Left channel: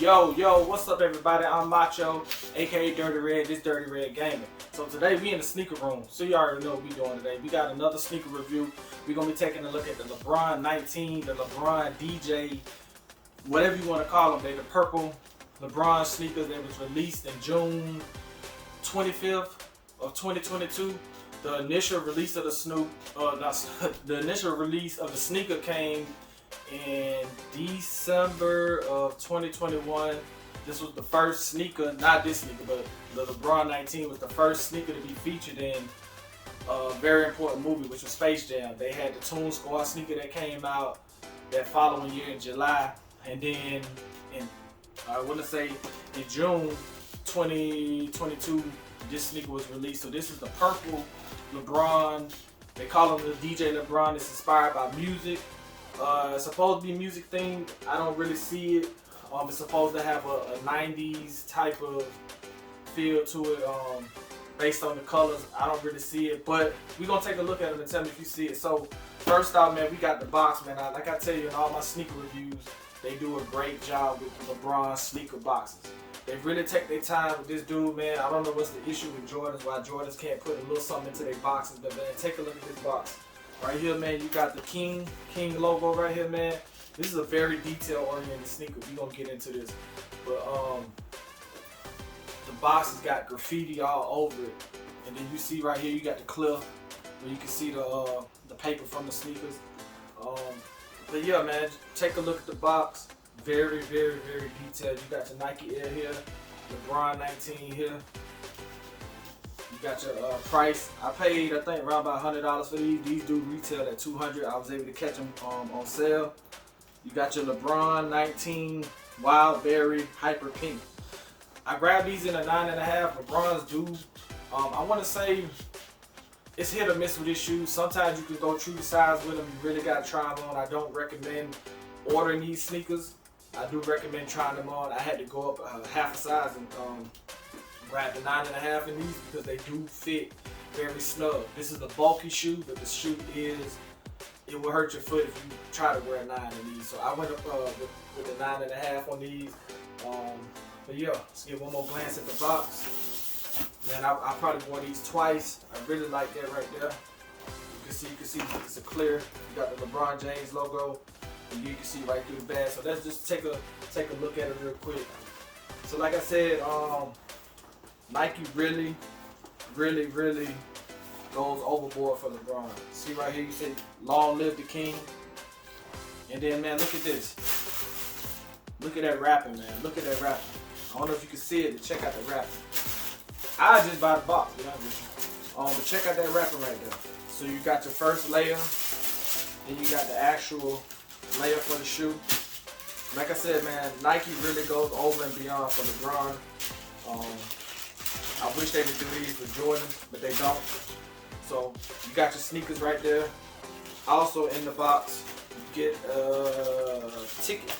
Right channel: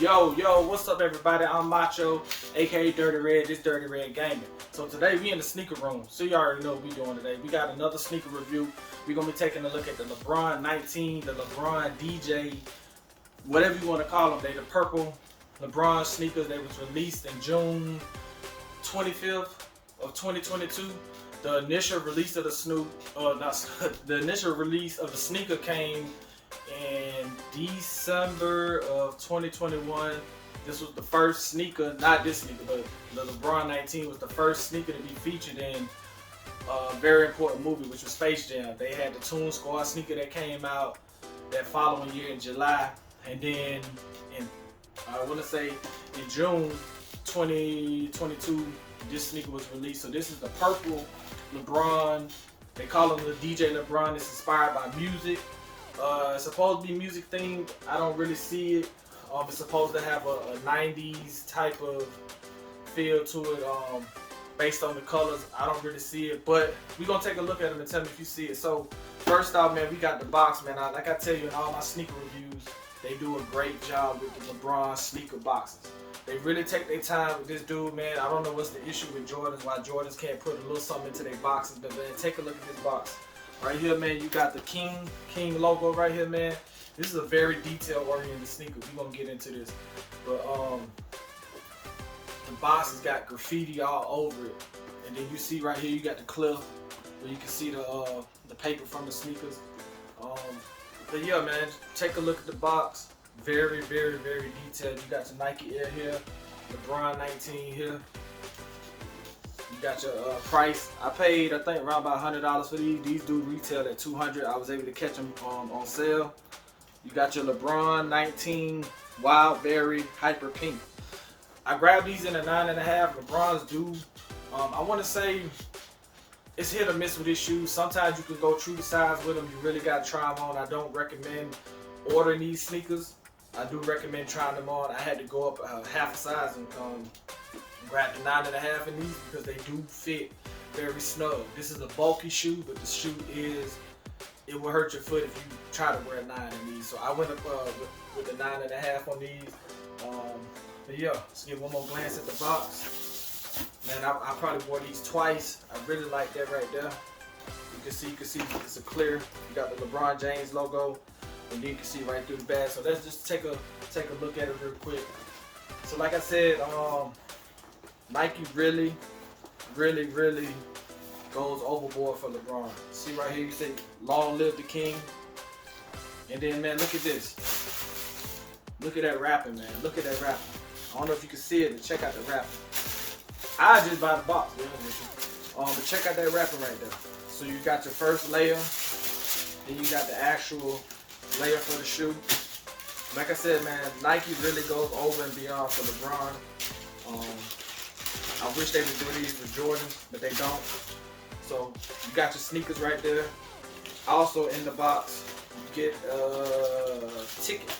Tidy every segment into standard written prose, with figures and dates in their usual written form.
Yo, what's up everybody? I'm Macho, aka Dirty Red, this Dirty Red Gaming. So today we in the sneaker room. So you already know what we doing today. We got another sneaker review. We're gonna be taking a look at the Lebron 19, the Lebron DJ, whatever you want to call them. They the purple Lebron sneakers. They was released in June 25th of 2022. The initial release of the the initial release of the sneaker came in December of 2021. This was the first sneaker, not this sneaker, but the LeBron 19 was the first sneaker to be featured in a very important movie, which was Space Jam. They had the Toon Squad sneaker that came out that following year in July, and then in I want to say in June 2022, this sneaker was released. So this is the purple LeBron. They call him the DJ LeBron. It's inspired by music. It's supposed to be music themed. I don't really see it. It's supposed to have a 90s type of feel to it, based on the colors. I don't really see it, but we're gonna take a look at them and tell me if you see it. So first off, man, we got the box, man. Like I tell you in all my sneaker reviews, they do a great job with the LeBron sneaker boxes. They really take their time with this dude, man. I don't know what's the issue with Jordans, why Jordans can't put a little something into their boxes, but man, take a look at this box. Right here, man, you got the King logo right here, man. This is a very detail-oriented sneaker. We're gonna get into this. But the box has got graffiti all over it. And then you see right here, you got the cliff where you can see the paper from the sneakers. But yeah, man, take a look at the box. Very, very, very detailed. You got your Nike Air here, LeBron 19 here. You got your price. I paid, I think, around about $100 for these. These do retail at $200. I was able to catch them on sale. You got your LeBron 19 Wild Berry Hyper Pink. I grabbed these in a 9.5. LeBron's do. I want to say it's hit or miss with this shoe. Sometimes you can go true to size with them. You really got to try them on. I don't recommend ordering these sneakers. I do recommend trying them on. I had to go up half a size and grab the 9.5 in these because they do fit very snug. This is a bulky shoe, but the shoe it will hurt your foot if you try to wear a 9 in these. So I went up with the 9.5 on these. But yeah, let's get one more glance at the box. Man, I probably wore these twice. I really like that right there. You can see it's a clear. You got the LeBron James logo, and then you can see right through the bag. So let's just take a look at it real quick. So like I said, Nike really goes overboard for LeBron. See right here, you say, long live the king. And then, man, look at this. Look at that wrapping, man. Look at that wrapping. I don't know if you can see it, but check out the wrapping. I just buy the box, to be honest with you. But check out that wrapping right there. So you got your first layer, then you got the actual layer for the shoe. Like I said, man, Nike really goes over and beyond for LeBron. I wish they would do these for Jordans, but they don't. So you got your sneakers right there. Also in the box, you get a ticket.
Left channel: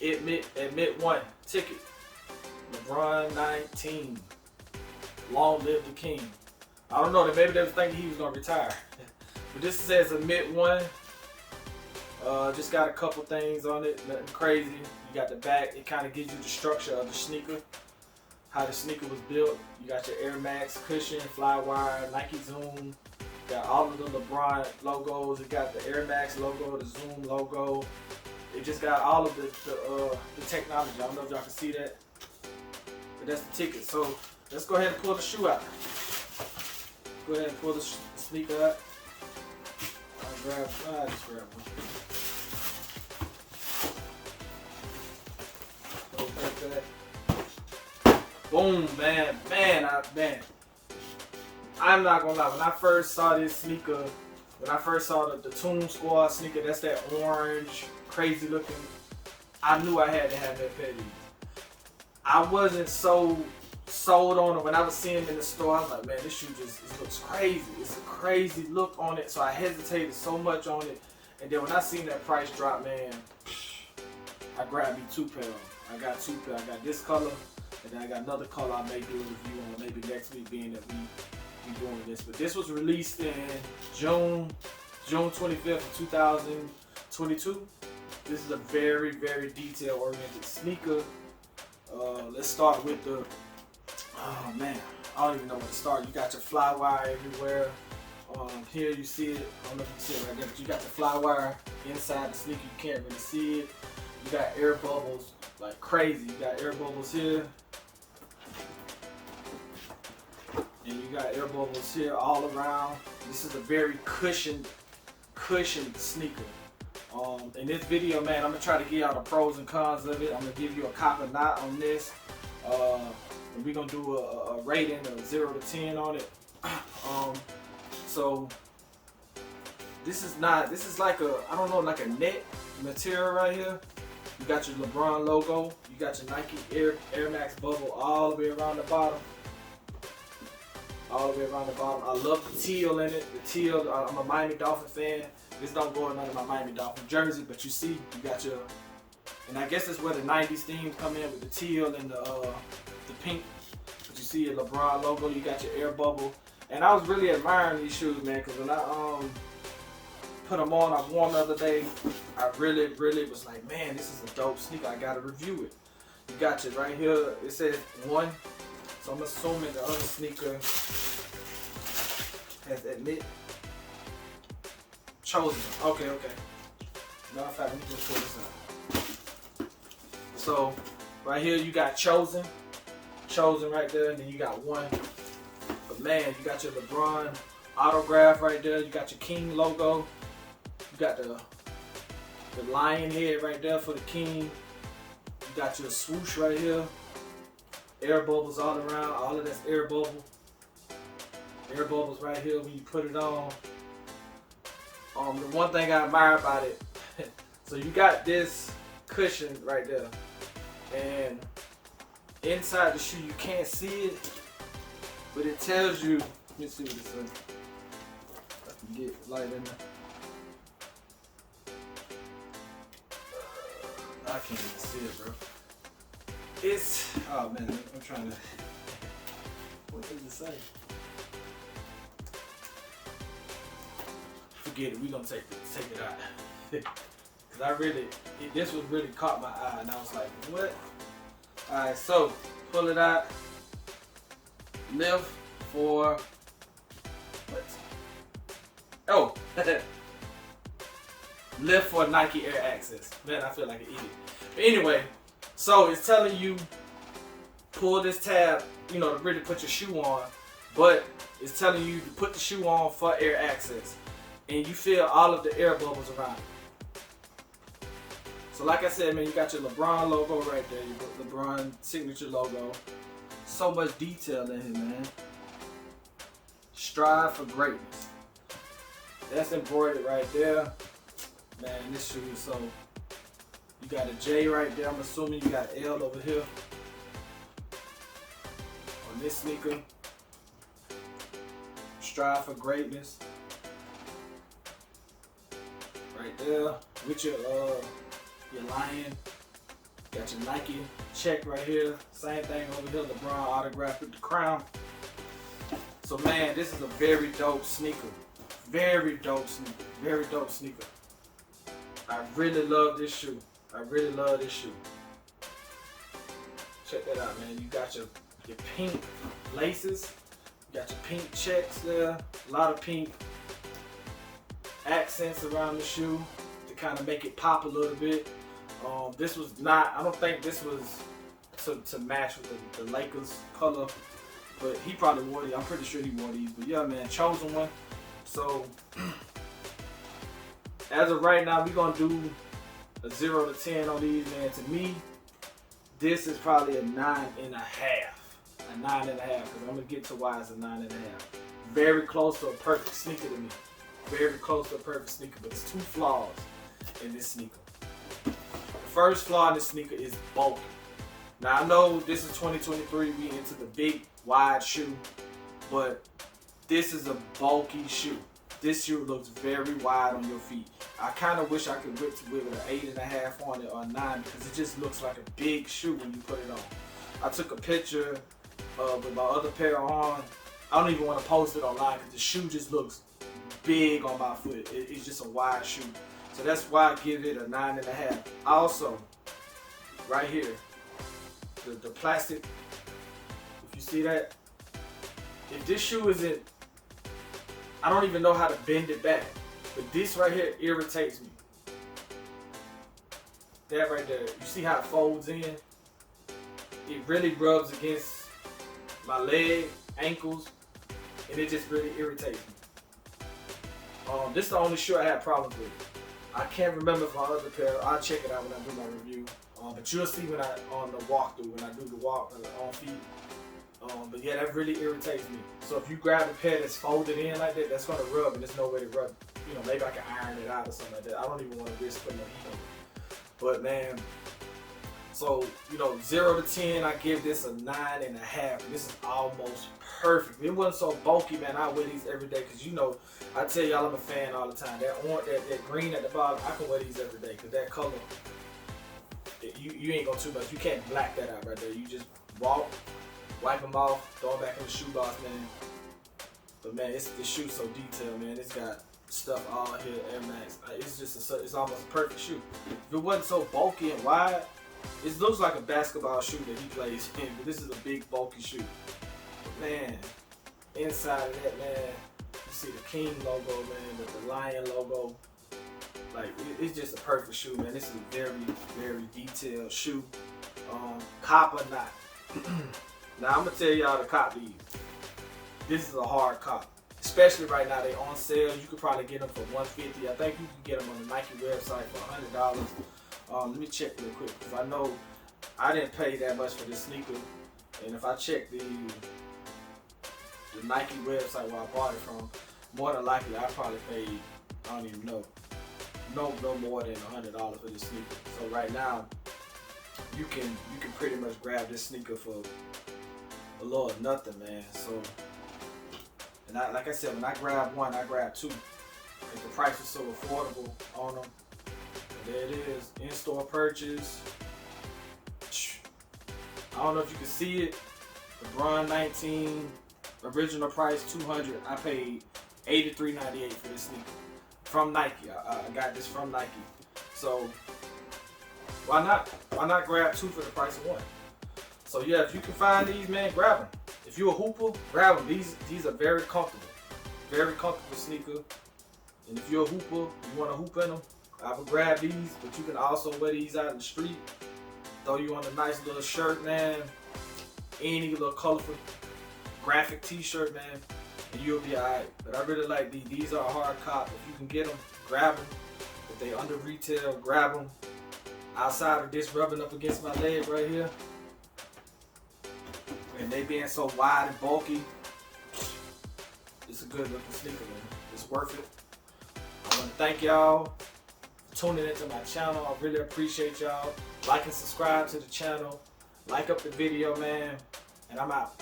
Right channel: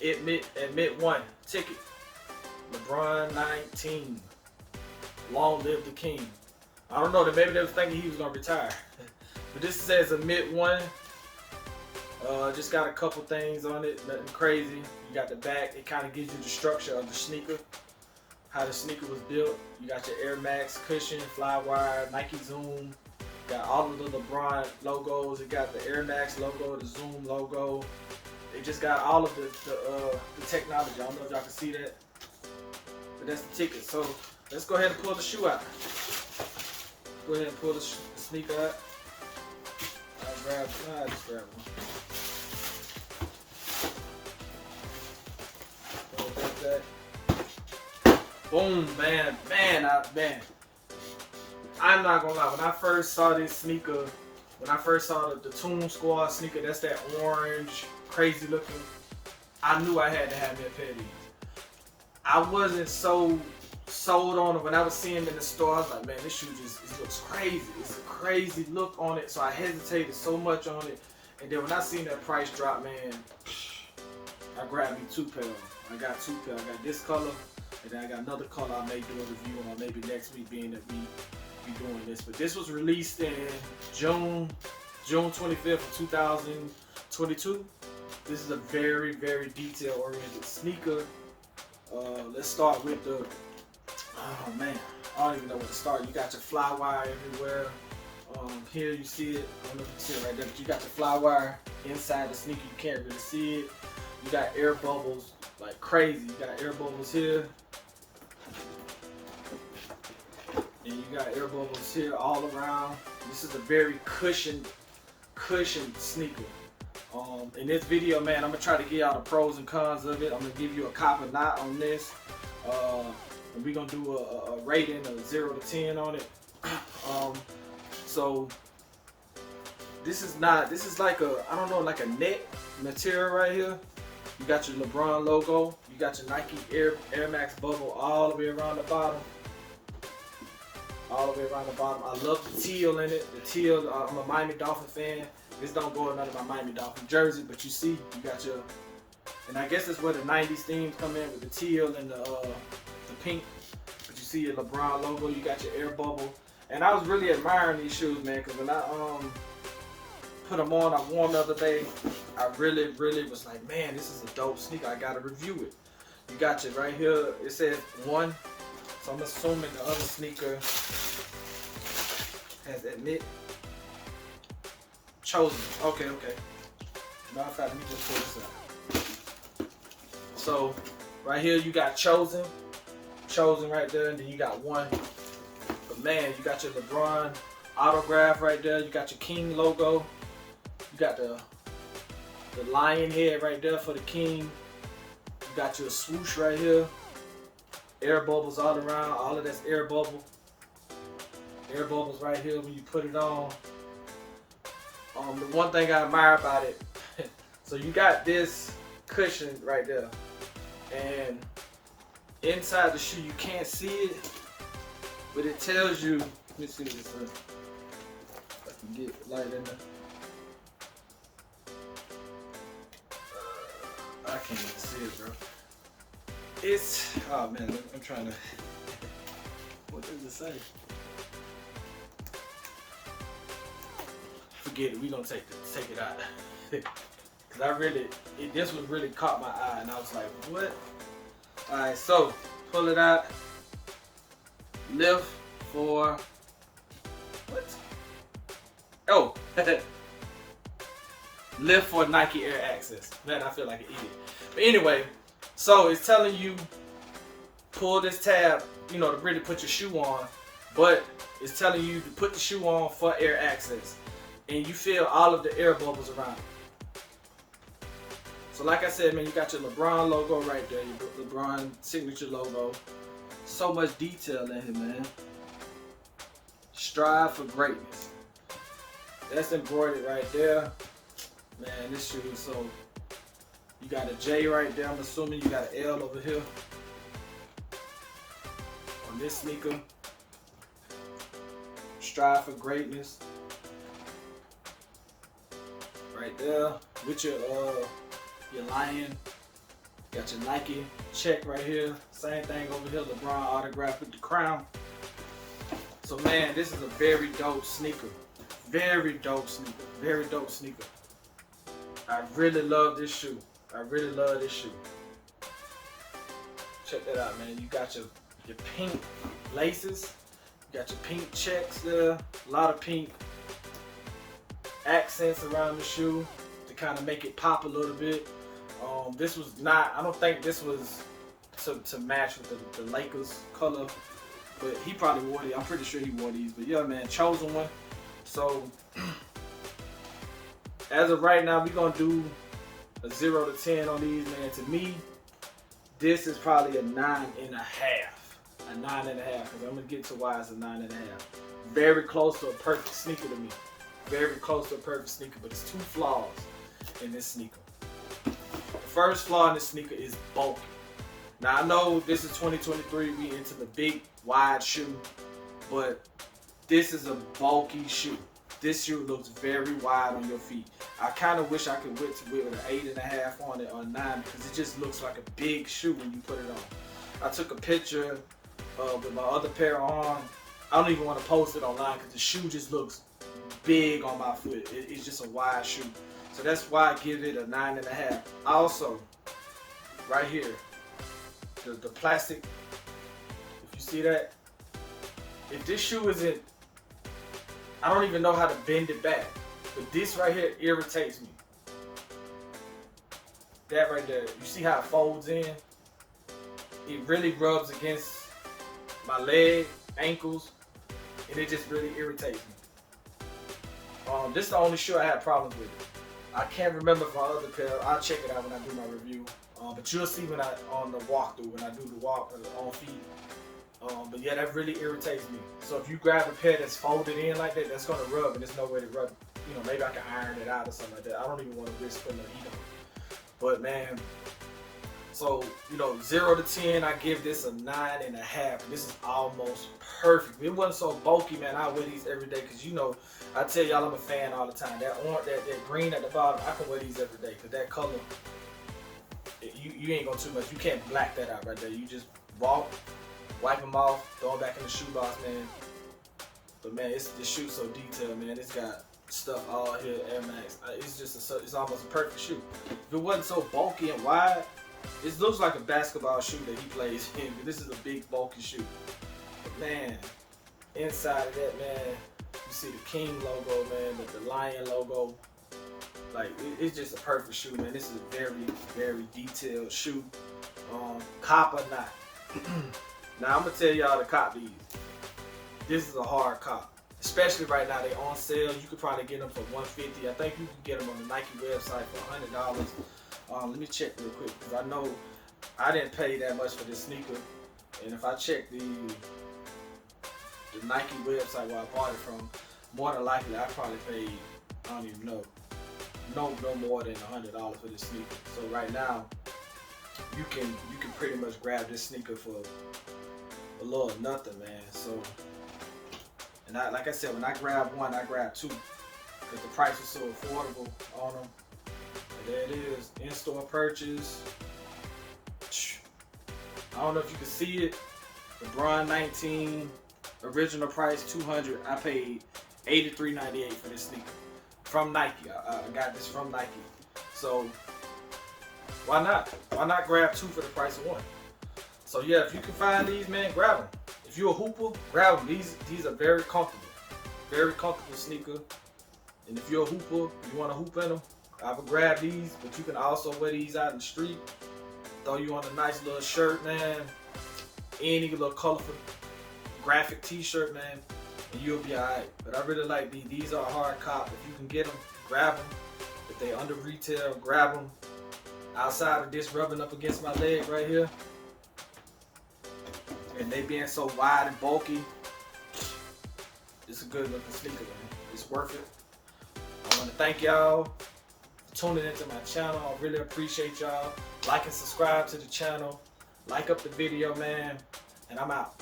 Admit one ticket. LeBron 19. Long live the king. I don't know, maybe they was thinking he was gonna retire. But this says admit one. Just got a couple things on it, nothing crazy. You got the back, it kind of gives you the structure of the sneaker, how the sneaker was built. You got your Air Max cushion, fly wire, Nike Zoom. Got all of the LeBron logos. It got the Air Max logo, the Zoom logo. It just got all of the technology. I don't know if y'all can see that, but that's the ticket. So let's go ahead and pull the shoe out. Go ahead and pull the sneaker out. I just grab one. Boom, man. I'm not gonna lie. When I first saw this sneaker, when I first saw the Toon Squad sneaker, that's that orange, crazy looking, I knew I had to have that pair of these. I wasn't so sold on it when I was seeing them in the store. I was like, man, this shoe it looks crazy. It's a crazy look on it. So I hesitated so much on it. And then when I seen that price drop, man, I grabbed me 2 pairs. I got 2 pairs. I got this color, and then I got another color I may do a review on maybe next week, being that we be doing this. But this was released in June 25th of 2022. This is a very, very detail-oriented sneaker. Let's start with the, oh man, I don't even know where to start. You got your fly wire everywhere. Here you see it, I don't know if you can see it right there, but you got the fly wire inside the sneaker. You can't really see it. You got air bubbles like crazy. You got air bubbles here. And you got air bubbles here all around. This is a very cushioned sneaker. In this video, man, I'm gonna try to give y'all the pros and cons of it. I'm gonna give you a copper knot on this. And we're gonna do a rating of 0 to 10 on it. So this is like a, I don't know, like a net material right here. You got your Lebron logo. You got your Nike Air Max bubble all the way around the bottom. All the way around the bottom. I love the teal in it. The teal, I'm a Miami Dolphin fan. This don't go in none of my Miami Dolphin jersey, but you see, you got your, and I guess that's where the 90s themes come in with the teal and the pink. But you see your LeBron logo, you got your air bubble. And I was really admiring these shoes, man, because when I put them on, I wore them the other day. I really was like, man, this is a dope sneaker. I gotta review it. You got your right here, it says 1. So I'm assuming the other sneaker has admit chosen. Okay. Matter of fact, let me just pull this out. So right here you got chosen right there, and then you got 1. But man, you got your LeBron autograph right there. You got your King logo. You got the lion head right there for the King. You got your swoosh right here. Air bubbles all around. All of that's air bubble. Air bubbles right here when you put it on. The one thing I admire about it, so you got this cushion right there, and inside the shoe you can't see it, but it tells you. Let me see what this is. I can get light in there. I can't even see it, bro. It's, oh man, I'm trying to. What does it say? Forget it. We gonna take it out. Cause I really, this was really caught my eye, and I was like, what? All right, so pull it out. Lift for what? Oh, lift for Nike Air Access. Man, I feel like an idiot. But anyway, so it's telling you pull this tab, you know, to really put your shoe on, but it's telling you to put the shoe on for air access, and you feel all of the air bubbles around it. So like I said, man, you got your LeBron logo right there, your LeBron signature logo. So much detail in here, man. Strive for greatness. That's embroidered right there. Man, this shoe is so, you got a J right there. I'm assuming you got an L over here on this sneaker. Strive for greatness. Right there with your lion. Got your Nike check right here. Same thing over here. LeBron autograph with the crown. So man, this is a very dope sneaker. Very dope sneaker. Very dope sneaker. I really love this shoe. I really love this shoe. Check that out, man. You got your pink laces. You got your pink checks there. A lot of pink accents around the shoe to kind of make it pop a little bit. This was not, I don't think this was to match with the Lakers color, but he probably wore these. I'm pretty sure he wore these. But yeah, man, chosen one. So as of right now, we're gonna do a 0 to 10 on these, man. To me, this is probably a 9.5. A 9.5, because I'm gonna get to why it's a 9.5. Very close to a perfect sneaker to me. Very close to a perfect sneaker, but it's 2 flaws in this sneaker. The first flaw in this sneaker is bulky. Now I know this is 2023, we into the big wide shoe, but this is a bulky shoe. This shoe looks very wide on your feet. I kind of wish I could with an 8.5 on it or 9, because it just looks like a big shoe when you put it on. I took a picture with my other pair on. I don't even want to post it online because the shoe just looks big on my foot. It's just a wide shoe. So that's why I give it a 9.5. Also, right here, the plastic, if you see that, if this shoe isn't, I don't even know how to bend it back, but this right here irritates me. That right there, you see how it folds in? It really rubs against my leg, ankles, and it just really irritates me. This is the only shoe I had problems with. I can't remember if my other pair, I'll check it out when I do my review. But you'll see when on the walkthrough, when I do the walk on feet. But yeah, that really irritates me. So if you grab a pair that's folded in like that, that's gonna rub, and there's no way to rub. You know, maybe I can iron it out or something like that. I don't even want to risk putting no heat on it. But man, so you know, 0 to 10, I give this a 9.5. This is almost perfect. If it wasn't so bulky, man, I wear these every day, because you know, I tell y'all I'm a fan all the time. That orange, that green at the bottom, I can wear these every day, because that color, you ain't gonna too much. You can't black that out right there. You just walk, wipe them off, throw them back in the shoebox, man. But man, this shoe's so detailed, man. It's got stuff all here, Air Max. It's almost a perfect shoe. If it wasn't so bulky and wide, it looks like a basketball shoe that he plays in. But this is a big, bulky shoe. But man, inside of that, man, you see the King logo, man, with the lion logo. Like, it's just a perfect shoe, man. This is a very, very detailed shoe. Cop or not. Now, I'm going to tell y'all to cop these. This is a hard cop. Especially right now, they on sale. You could probably get them for $150. I think you can get them on the Nike website for $100. Let me check real quick, because I know I didn't pay that much for this sneaker. And if I check the Nike website where I bought it from, more than likely I probably paid, I don't even know, no more than $100 for this sneaker. So right now, you can pretty much grab this sneaker for a little nothing, man. So, and like I said, when I grab one, I grab two, because the price is so affordable on them. And there it is, in-store purchase. I don't know if you can see it. The Bron 19 original price $200. I paid $83.98 for this sneaker from Nike. I got this from Nike. So why not? Why not grab two for the price of one? So yeah, if you can find these, man, grab them. If you're a hooper, grab them. These are very comfortable sneaker. And if you're a hooper, you want to hoop in them, I would grab these. But you can also wear these out in the street. Throw you on a nice little shirt, man. Any little colorful graphic t-shirt, man, and you'll be alright. But I really like these. These are a hard cop. If you can get them, grab them. If they under retail, grab them. Outside of this rubbing up against my leg right here, and they being so wide and bulky, it's a good looking sneaker, man. It's worth it. I want to thank y'all for tuning into my channel. I really appreciate y'all. Like and subscribe to the channel. Like up the video, man. And I'm out.